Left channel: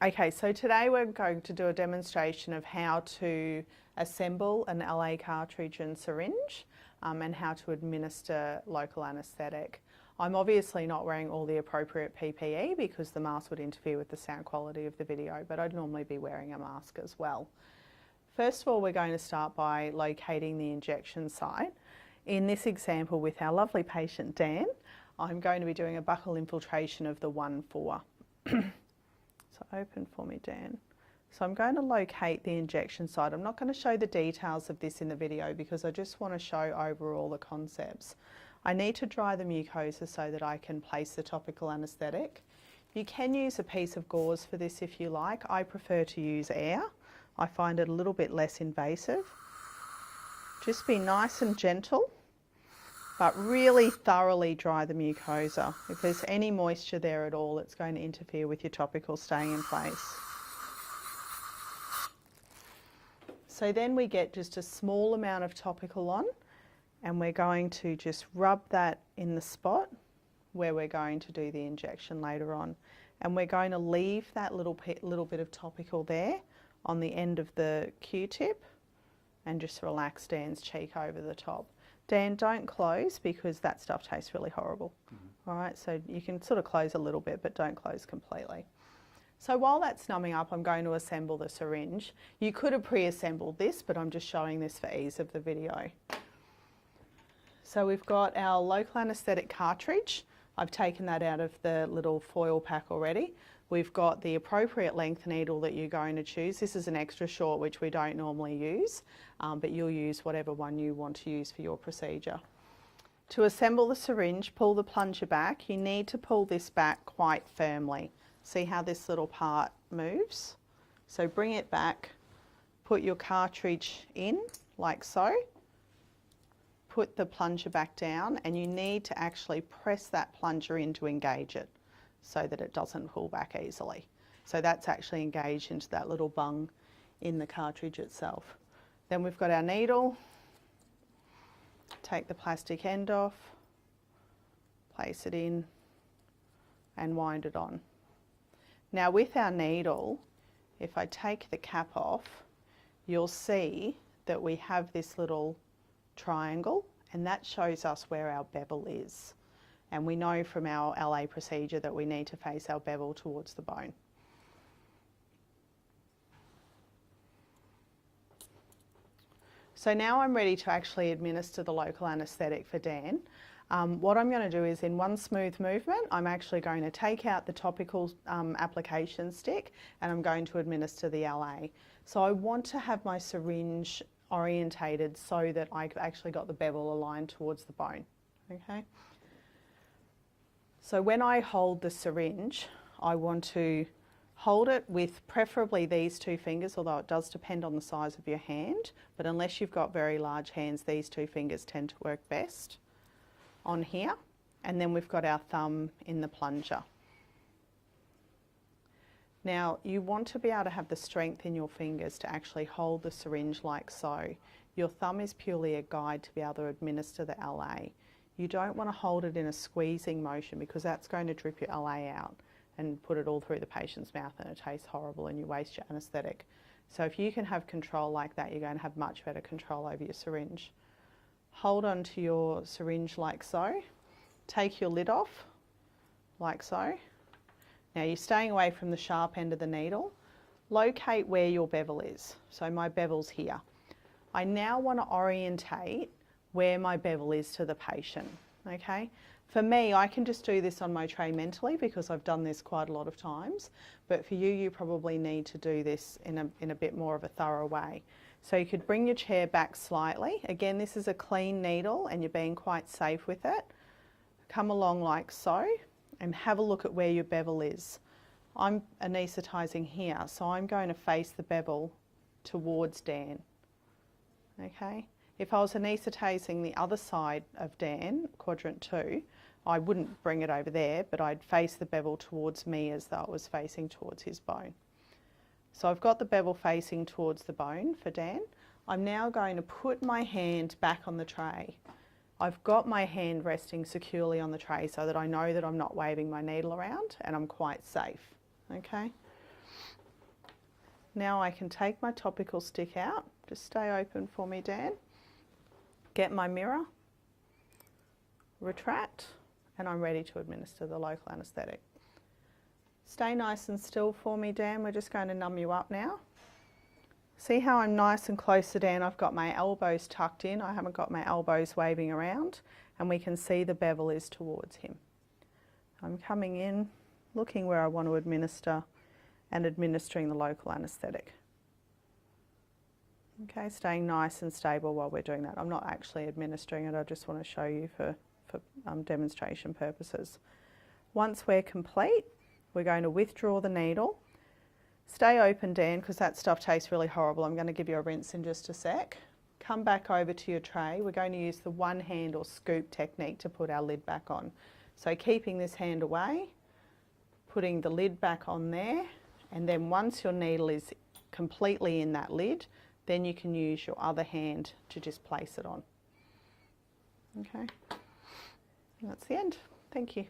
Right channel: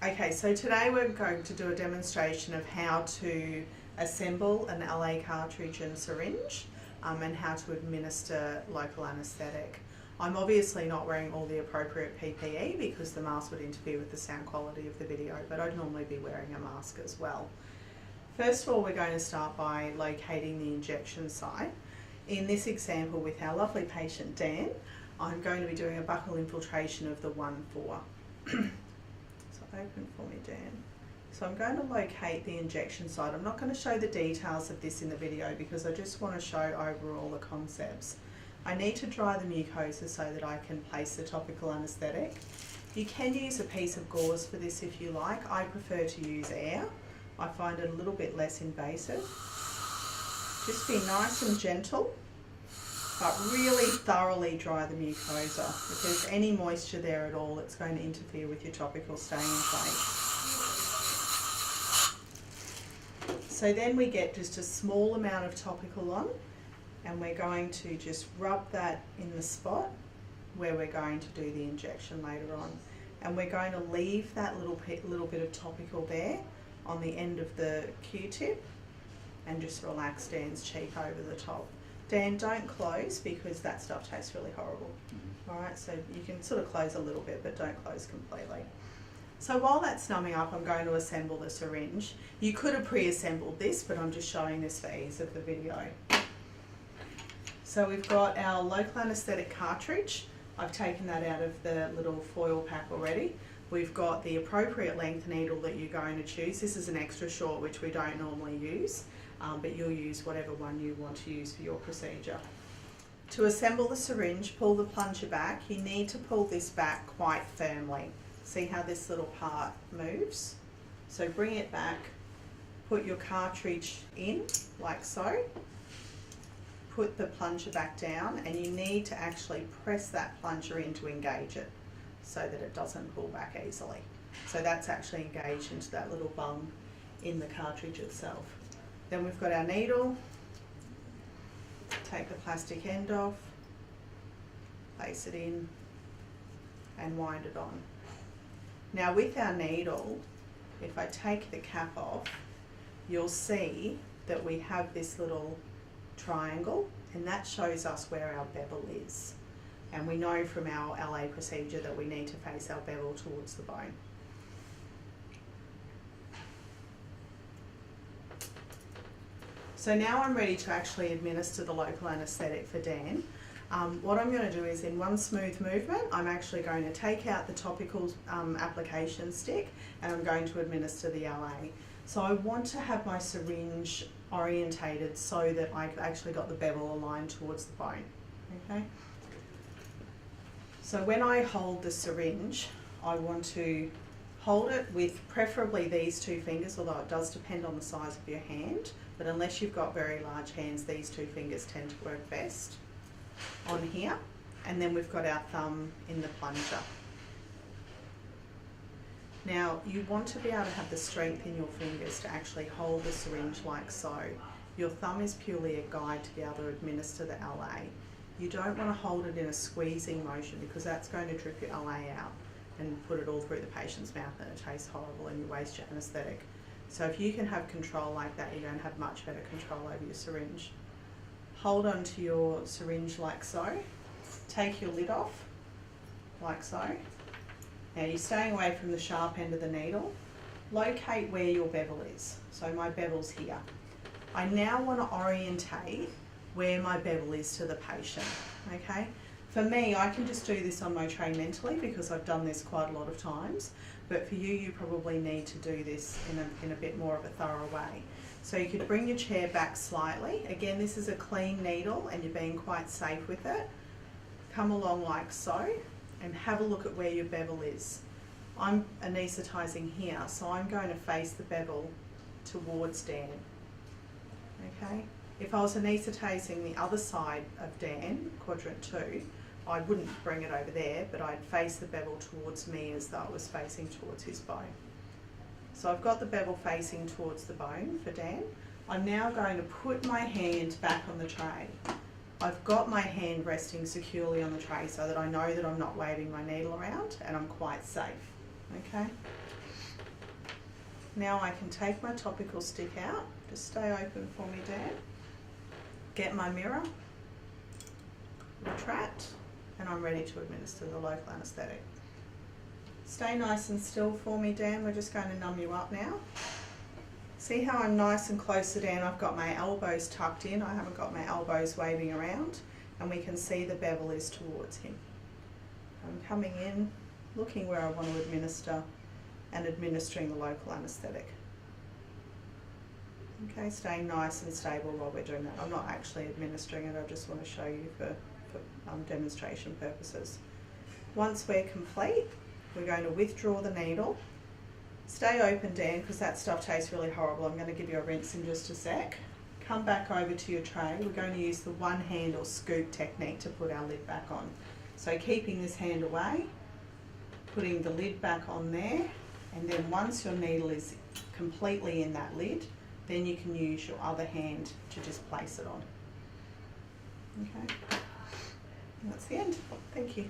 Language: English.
Okay, so today we're going to do a demonstration of how to assemble an LA cartridge and syringe and how to administer local anaesthetic. I'm obviously not wearing all the appropriate PPE because the mask would interfere with the sound quality of the video, but I'd normally be wearing a mask as well. First of all, we're going to start by locating the injection site. In this example with our lovely patient Dan, I'm going to be doing a buccal infiltration of the 1-4. So open for me, Dan. So I'm going to locate the injection site. I'm not going to show the details of this in the video because I just want to show overall the concepts. I need to dry the mucosa so that I can place the topical anaesthetic. You can use a piece of gauze for this if you like. I prefer to use air. I find it a little bit less invasive. Just be nice and gentle, but really thoroughly dry the mucosa. If there's any moisture there at all, it's going to interfere with your topical staying in place. So then we get just a small amount of topical on, and we're going to just rub that in the spot where we're going to do the injection later on. And we're going to leave that little bit of topical there on the end of the Q-tip and just relax Dan's cheek over the top. Dan, don't close because that stuff tastes really horrible. All right, so you can sort of close a little bit, but don't close completely. So while that's numbing up, I'm going to assemble the syringe. You could have pre-assembled this, but I'm just showing this for ease of the video. So we've got our local anaesthetic cartridge. I've taken that out of the little foil pack already. We've got the appropriate length needle that you're going to choose. This is an extra short, which we don't normally use, but you'll use whatever one you want to use for your procedure. To assemble the syringe, pull the plunger back. You need to pull this back quite firmly. See how this little part moves? So bring it back, put your cartridge in like so, put the plunger back down, and you need to actually press that plunger in to engage it so that it doesn't pull back easily. So that's actually engaged into that little bung in the cartridge itself. Then we've got our needle. Take the plastic end off, place it in and wind it on. Now with our needle, if I take the cap off, you'll see that we have this little triangle, and that shows us where our bevel is. And we know from our LA procedure that we need to face our bevel towards the bone. So now I'm ready to actually administer the local anaesthetic for Dan. What I'm going to do is, in one smooth movement, I'm actually going to take out the topical application stick and I'm going to administer the LA. So I want to have my syringe orientated so that I've actually got the bevel aligned towards the bone. Okay. So when I hold the syringe, I want to hold it with preferably these two fingers, although it does depend on the size of your hand, but unless you've got very large hands, these two fingers tend to work best on here. And then we've got our thumb in the plunger. Now you want to be able to have the strength in your fingers to actually hold the syringe like so. Your thumb is purely a guide to be able to administer the LA. You don't want to hold it in a squeezing motion because that's going to drip your LA out and put it all through the patient's mouth, and it tastes horrible and you waste your anaesthetic. So if you can have control like that, you're going to have much better control over your syringe. Hold onto your syringe like so. Take your lid off like so. Now you're staying away from the sharp end of the needle. Locate where your bevel is. So my bevel's here. I now want to orientate where my bevel is to the patient. Okay? For me, I can just do this on my tray mentally because I've done this quite a lot of times, but for you, you probably need to do this in a bit more of a thorough way. So you could bring your chair back slightly. Again, this is a clean needle and you're being quite safe with it. Come along like so and have a look at where your bevel is. I'm anaesthetising here, so I'm going to face the bevel towards Dan. Okay? If I was anaesthetising the other side of Dan, quadrant 2, I wouldn't bring it over there, but I'd face the bevel towards me as though I was facing towards his bone. So I've got the bevel facing towards the bone for Dan. I'm now going to put my hand back on the tray. I've got my hand resting securely on the tray so that I know that I'm not waving my needle around and I'm quite safe. Okay? Now I can take my topical stick out. Just stay open for me, Dan. Get my mirror, retract, and I'm ready to administer the local anaesthetic. Stay nice and still for me, Dan. We're just going to numb you up now. See how I'm nice and close to Dan? I've got my elbows tucked in. I haven't got my elbows waving around, and we can see the bevel is towards him. I'm coming in, looking where I want to administer, and administering the local anaesthetic. Okay, staying nice and stable while we're doing that. I'm not actually administering it, I just want to show you for demonstration purposes. Once we're complete, we're going to withdraw the needle. Stay open, Dan, because that stuff tastes really horrible. I'm going to give you a rinse in just a sec. Come back over to your tray. We're going to use the one hand or scoop technique to put our lid back on. So keeping this hand away, putting the lid back on there, and then once your needle is completely in that lid, then you can use your other hand to just place it on. Okay, that's the end. Thank you.